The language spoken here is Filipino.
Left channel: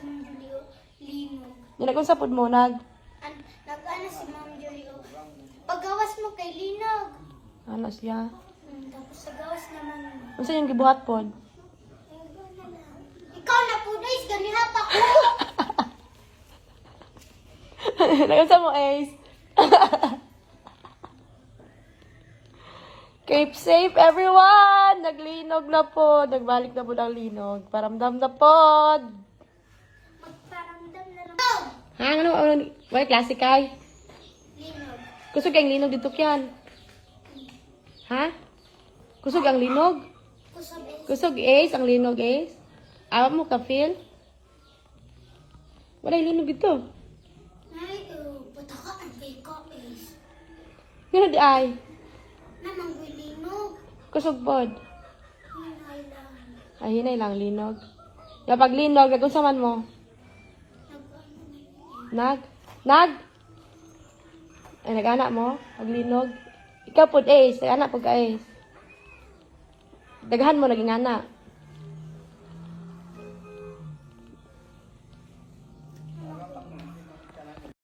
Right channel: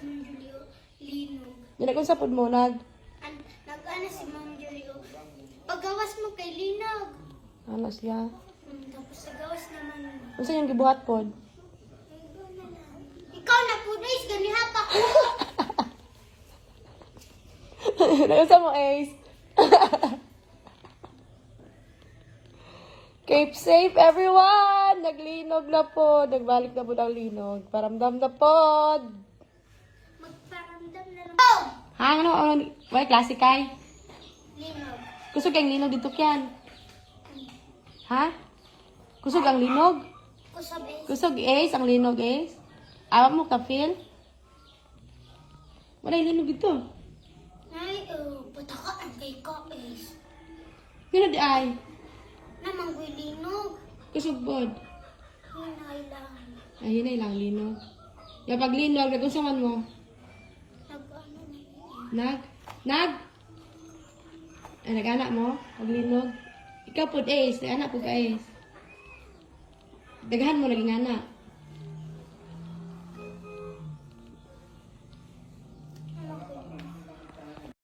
si Ma'am Julio linog. Dili kung sapod mo Nag-ano si Ma'am Julio. Paggawas mo kay linog. ano siya? Tapos sa gawas naman. Unsa yung gibuhat pod? Ikaw na po guys, ganihapak ko. Nagasa mo, Ace. Keep safe, everyone! Naglinog na po. Nagbalik na po ng linog. Paramdam na po. Magparamdam na lang. Ha? Ano? Wala, klase kay? Linog. Kusog ang linog dito kyan. Ha? Kusog ang linog? Kusog eh. Kusog, Ace. Ang linog, Ace. Awak mo ka, Phil? Wala yung linog dito. Ay, pataka ang kay ko eh. Yan di ay. Namang linog. Kusog pod. Yun ay lang. Ay, yun ay lang linog. Ya pag linog, nagunsa man mo? Nag? Ay, nag-anak mo? Pag linog? Ikaw pod, Ace. Nag-anak po ka, Ace. Daghan mo, naging anak.